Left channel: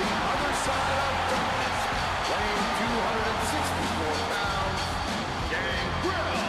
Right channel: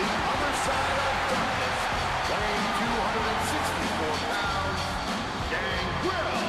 the other side of Venis, weighing 264 pounds, Gangrel.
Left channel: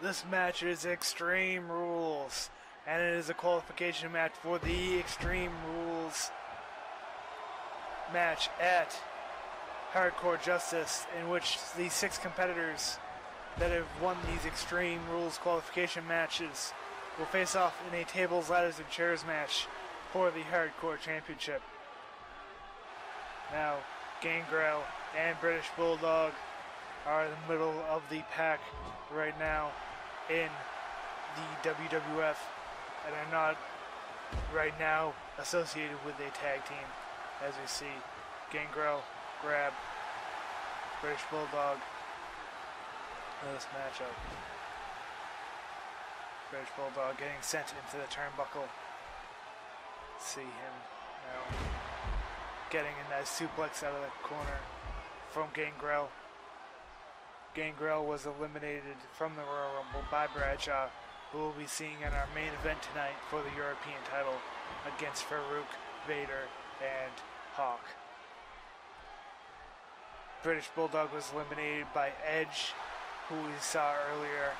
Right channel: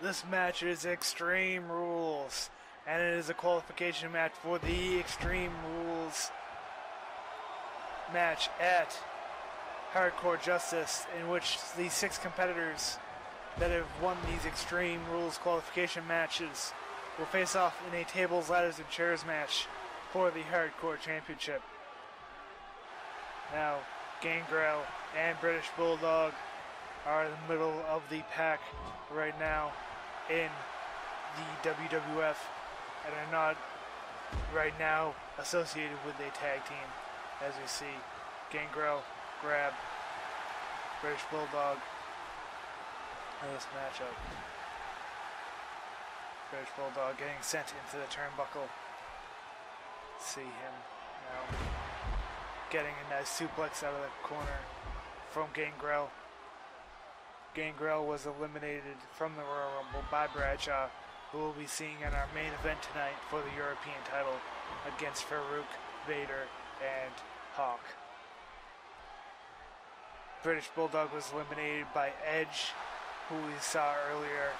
This match is Extreme Rules, and it is a qualification match for the Extreme Rules match at Hardcore Justice, in which the 6 competitors that have won these Extreme Rules qualification matches will face off in a tables, ladders, and chairs match for the Hardcore Championship. Now, Gangrel and British Bulldog are in the middle of the pack right now in the WWF and are not right now associated with a tag team. As we see, Gangrel grab British Bulldog in this matchup. British Bulldog getting sent into the turnbuckle. See him now getting a nice suplex out of the corner from Gangrel. Gangrel was eliminated from the Royal Rumble by Bradshaw, who we'll be seeing in our main event tonight for the European title against Faarooq, Vader, and Hawk. British Bulldog was eliminated by Edge, who we saw earlier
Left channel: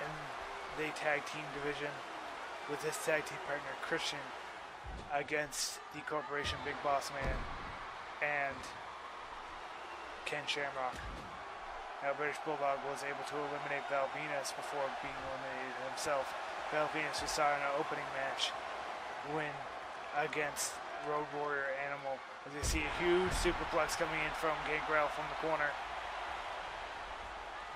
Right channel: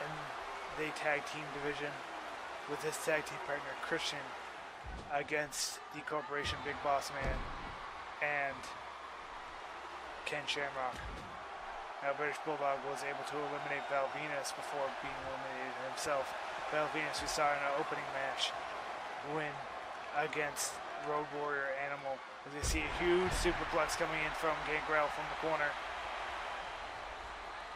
in the tag team division with his tag team partner Christian against the Corporation Big Boss Man and Ken Shamrock. Now, British Bulldog was able to eliminate Venis before being eliminated himself. Venis, we saw in our opening match, win against Road Warrior Animal. As we see a huge superplex coming in from Gangrel from the corner.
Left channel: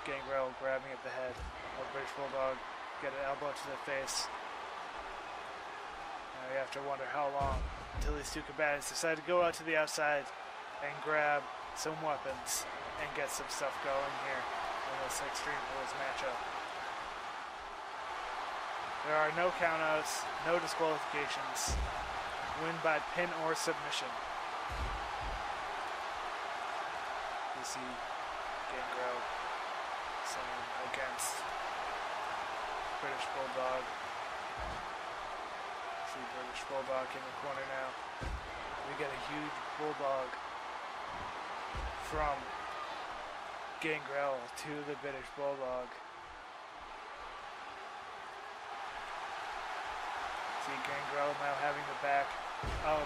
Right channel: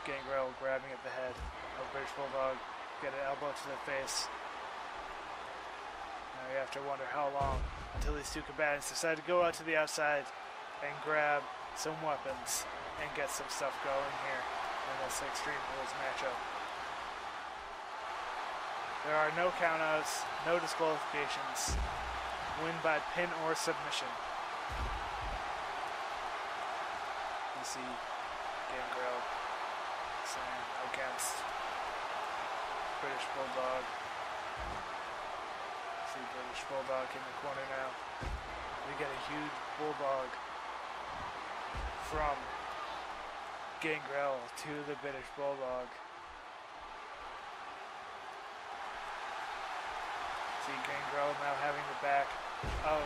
Gangrel grabbing at the head of British Bulldog, get an elbow to the face. Now you have to wonder how long until these two combatants decide to go out to the outside and grab some weapons and get some stuff going here in this Extreme Rules matchup. There are no countouts, no disqualifications. Win by pin or submission. You see Gangrel slam against British Bulldog. See British Bulldog in the corner now. We get a huge Bulldog from Gangrel to the British Bulldog. See Gangrel now having the back of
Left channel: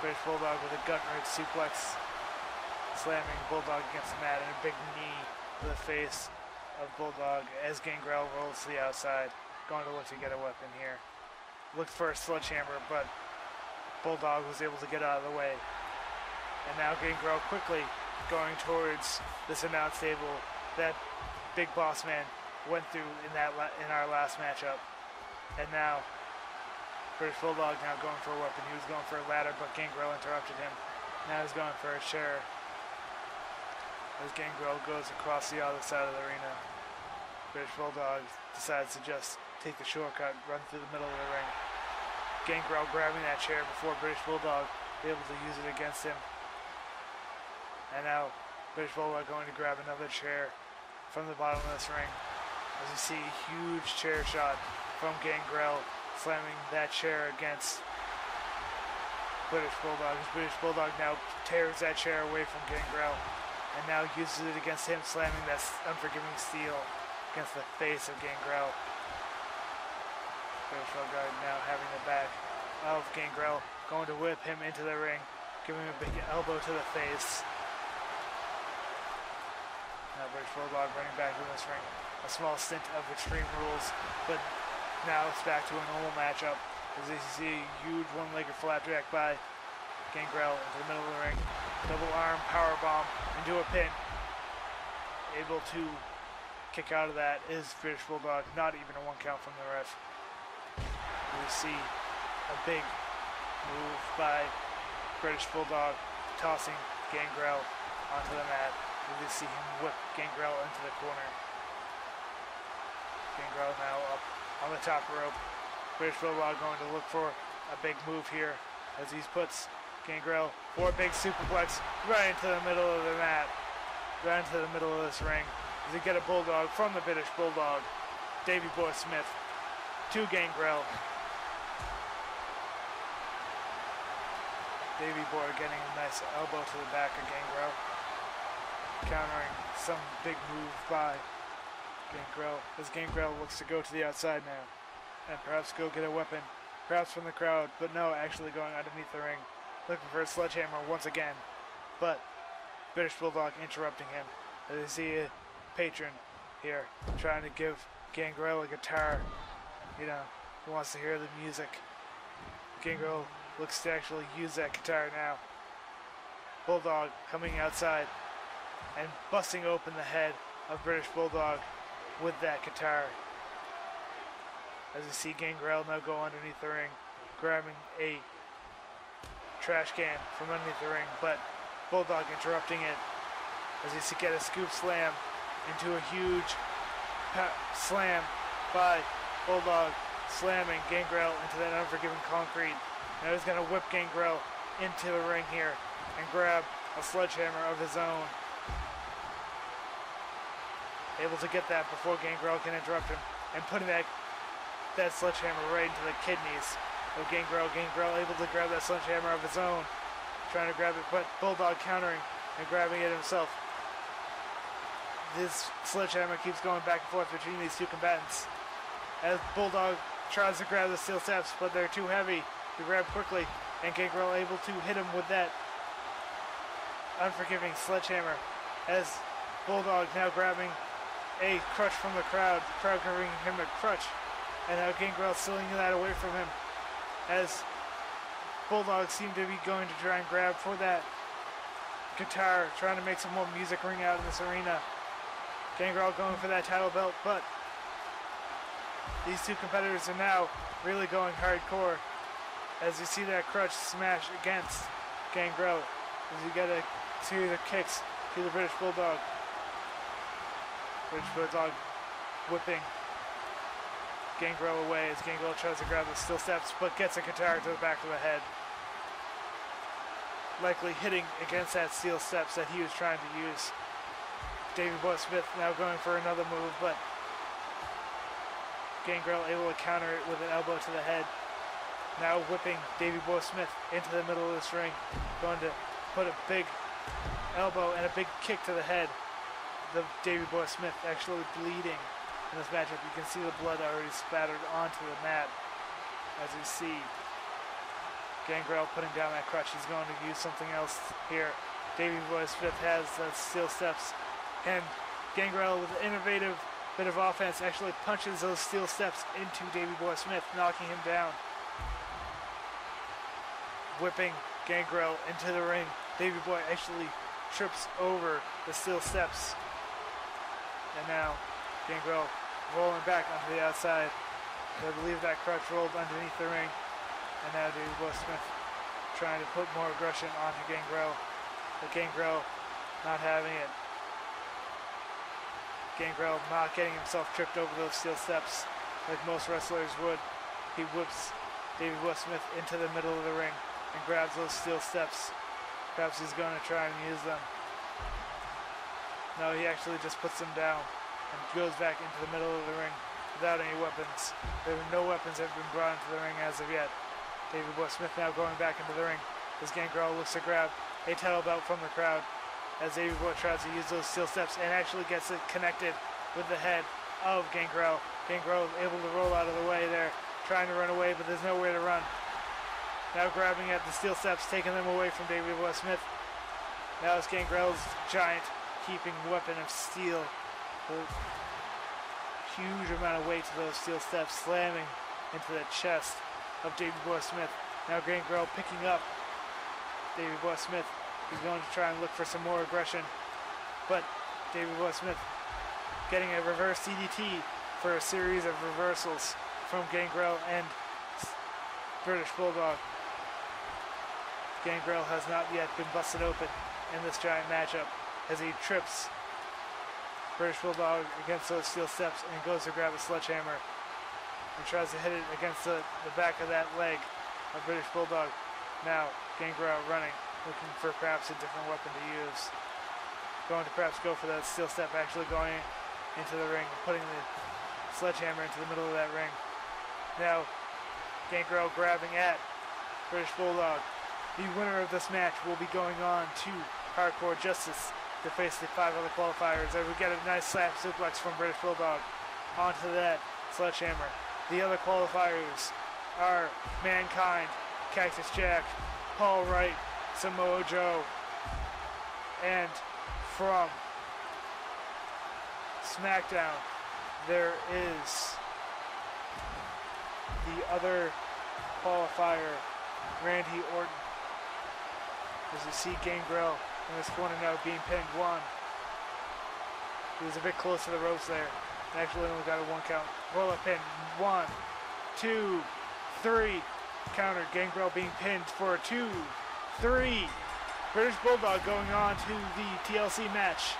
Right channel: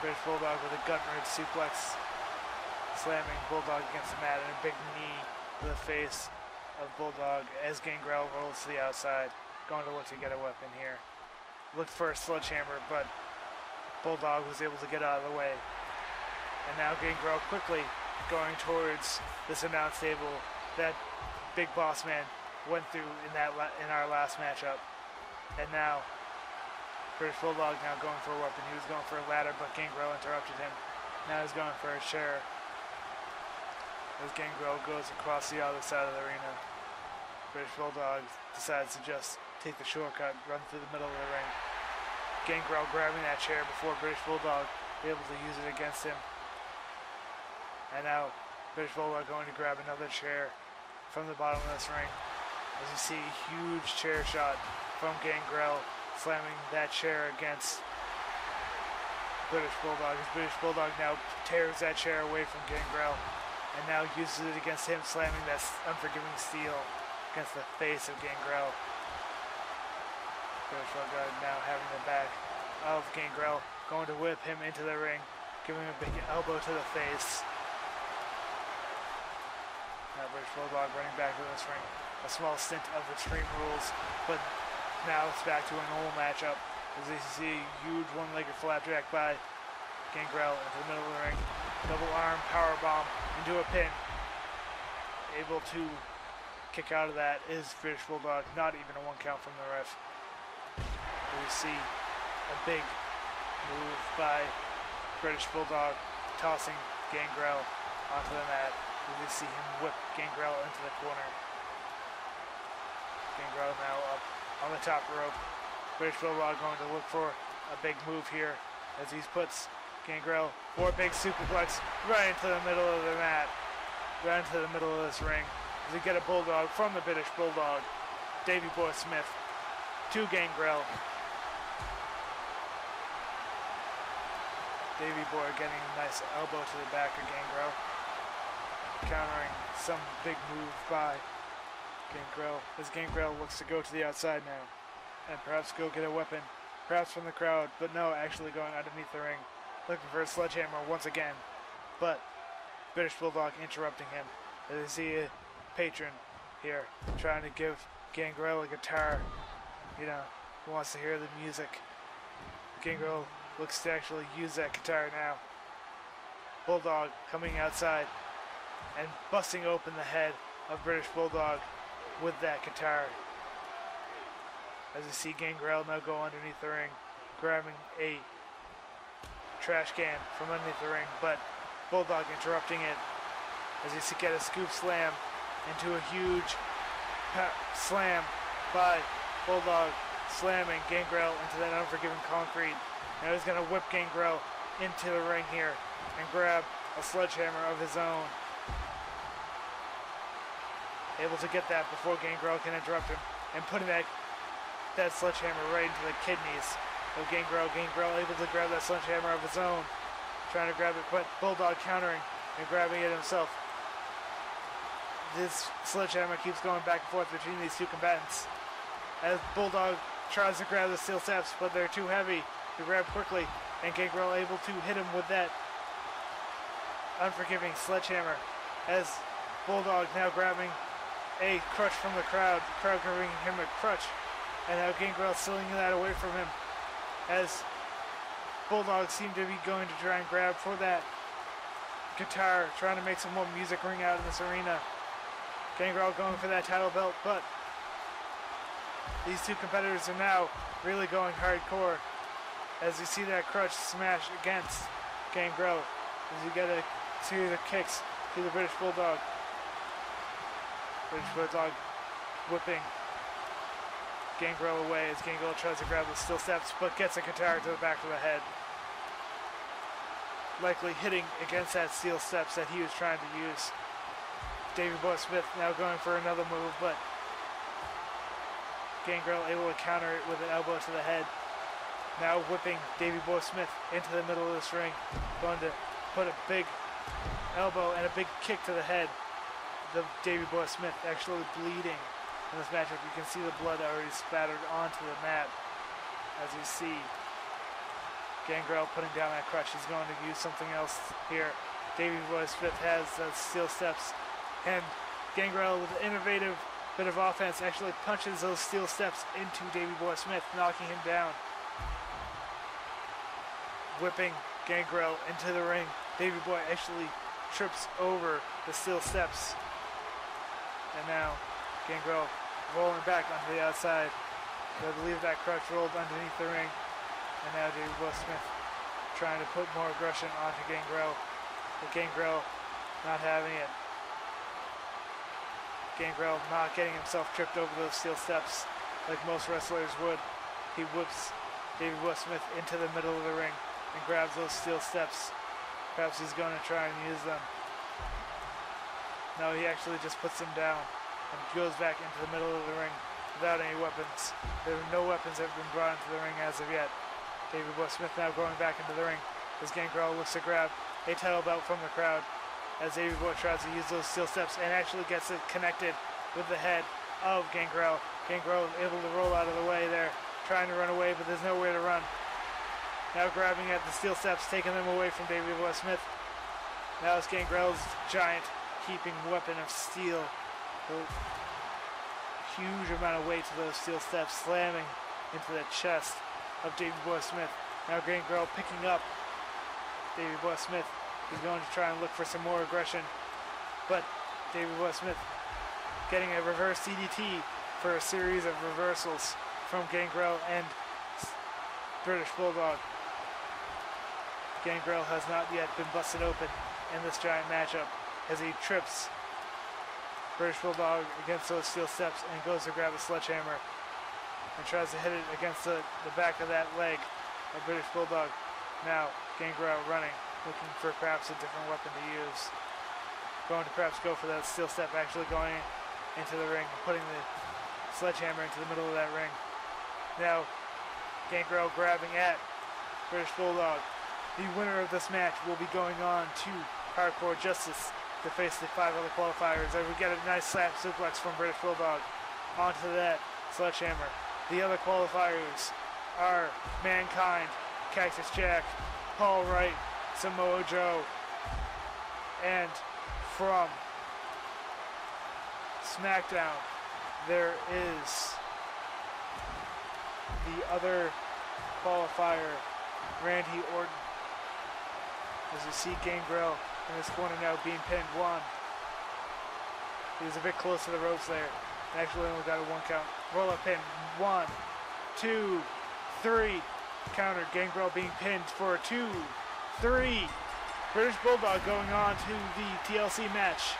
British Bulldog with a gut-wrench suplex, slamming Bulldog against the mat, and a big knee to the face of Bulldog as Gangrel rolls to the outside, going to look to get a weapon here. Looked for a sledgehammer, but Bulldog was able to get out of the way. And now Gangrel quickly going towards this announce table that Big Boss Man went through in our last matchup. And now British Bulldog now going for a weapon. He was going for a ladder, but Gangrel interrupted him. Now he's going for a chair as Gangrel goes across the other side of the arena. British Bulldog decides to just take the shortcut, run through the middle of the ring. Gangrel grabbing that chair before British Bulldog be able to use it against him. And now British Bulldog going to grab another chair from the bottom of this ring. As you see a huge chair shot from Gangrel, slamming that chair against British Bulldog. As British Bulldog now tears that chair away from Gangrel and now uses it against him, slamming that unforgiving steel against the face of Gangrel. British Bulldog now having the back of Gangrel, going to whip him into the ring, giving him a big elbow to the face. Now British Bulldog running back to this ring, a small stint of Extreme Rules, but now it's back to a normal matchup as you see a huge one-legged flapjack by Gangrel into the middle of the ring. Double arm power bomb into a pin. Able to kick out of that is British Bulldog, not even a 1 count from the ref. We see a big move by British Bulldog, tossing Gangrel onto the mat. We see him whip Gangrel into the corner. Gangrel now up on the top rope. British Bulldog going to look for a big move here as he puts Gangrel for a big superplex right into the middle of the mat, right into the middle of this ring. As we get a Bulldog from the British Bulldog, Davey Boy Smith to Gangrel. Davey Boy getting a nice elbow to the back of Gangrel, countering some big move by Gangrel as Gangrel looks to go to the outside now and perhaps go get a weapon, perhaps from the crowd, but no, actually going underneath the ring, looking for a sledgehammer once again, but British Bulldog interrupting him as you see a patron here trying to give Gangrel a guitar, you know, who wants to hear the music. Gangrel looks to actually use that guitar now. Bulldog coming outside and busting open the head of British Bulldog with that guitar. As you see Gangrel now go underneath the ring, grabbing a trash can from underneath the ring, but Bulldog interrupting it as you see get a scoop slam into a huge slam by Bulldog, slamming Gangrel into that unforgiving concrete. Now he's going to whip Gangrel into the ring here and grab a sledgehammer of his own. Able to get that before Gangrel can interrupt him and putting that sledgehammer right into the kidneys of Gangrel. Gangrel able to grab that sledgehammer of his own, trying to grab it, but Bulldog countering and grabbing it himself. This sledgehammer keeps going back and forth between these two combatants as Bulldog tries to grab the steel steps, but they're too heavy to grab quickly, and Gangrel able to hit him with that unforgiving sledgehammer as Bulldog now grabbing a crutch from the crowd giving him a crutch, and now Gangrel stealing that away from him as Bulldog seemed to be going to try and grab for that guitar, trying to make some more music ring out in this arena. Gangrel going for that title belt, but these two competitors are now really going hardcore as you see that crutch smash against Gangrel as you get a series of kicks to the British Bulldog. British Bulldog whipping Gangrel away as Gangrel tries to grab the steel steps but gets a guitar to the back of the head, likely hitting against that steel steps that he was trying to use. Davey Boy Smith now going for another move, but Gangrel able to counter it with an elbow to the head. Now whipping Davey Boy Smith into the middle of this ring, going to put a big elbow and a big kick to the head. The Davey Boy Smith actually bleeding in this matchup. You can see the blood already splattered onto the mat as we see Gangrel putting down that crutch. He's going to use something else here. Davey Boy Smith has the steel steps, and Gangrel with an innovative bit of offense actually punches those steel steps into Davey Boy Smith, knocking him down. Whipping Gangrel into the ring. Davey Boy actually trips over the steel steps. And now Gangrel rolling back onto the outside. I believe that crutch rolled underneath the ring. And now Davey Boy Smith trying to put more aggression onto Gangrel. But Gangrel not having it. Gangrel not getting himself tripped over those steel steps like most wrestlers would. He whips Davey Boy Smith into the middle of the ring and grabs those steel steps. Perhaps he's going to try and use them. No, he actually just puts them down and goes back into the middle of the ring without any weapons. There are no weapons that have been brought into the ring as of yet. Davey Boy Smith now going back into the ring as Gangrel looks to grab a title belt from the crowd as Davey Boy tries to use those steel steps and actually gets it connected with the head of Gangrel. Gangrel able to roll out of the way there, trying to run away, but there's nowhere to run. Now grabbing at the steel steps, taking them away from Davey Boy Smith. Now it's Gangrel's giant heaping weapon of steel. huge amount of weight to those steel steps, slamming into the chest of Davey Boy Smith. Now Gangrel picking up Davey Boy Smith. He's going to try and look for some more aggression, but Davey Boy Smith getting a reverse DDT for a series of reversals from Gangrel and British Bulldog. Gangrel has not yet been busted open in this giant matchup as he trips British Bulldog against those steel steps and goes to grab a sledgehammer and tries to hit it against the back of that leg of British Bulldog. Now Gangrel running, looking for perhaps a different weapon to use. Going to perhaps go for that steel step, actually going into the ring and putting the sledgehammer into the middle of that ring. Now Gangrel grabbing at British Bulldog. The winner of this match will be going on to Hardcore Justice to face the 5 other qualifiers. As we get a nice slap suplex from British Bulldog onto that sledgehammer. The other qualifiers are Mankind, Cactus Jack, Paul Wight, Samoa Joe, and from SmackDown there is the other qualifier, Randy Orton. As you see Gangrel in this corner now being pinned. One. He was a bit close to the ropes there. And actually only got a 1 count. Roll up pin. 1, 2, 3. Counter. Gangrel being pinned for a 2, 3. British Bulldog going on to the TLC match.